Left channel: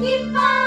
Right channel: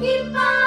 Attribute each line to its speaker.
Speaker 1: Keep.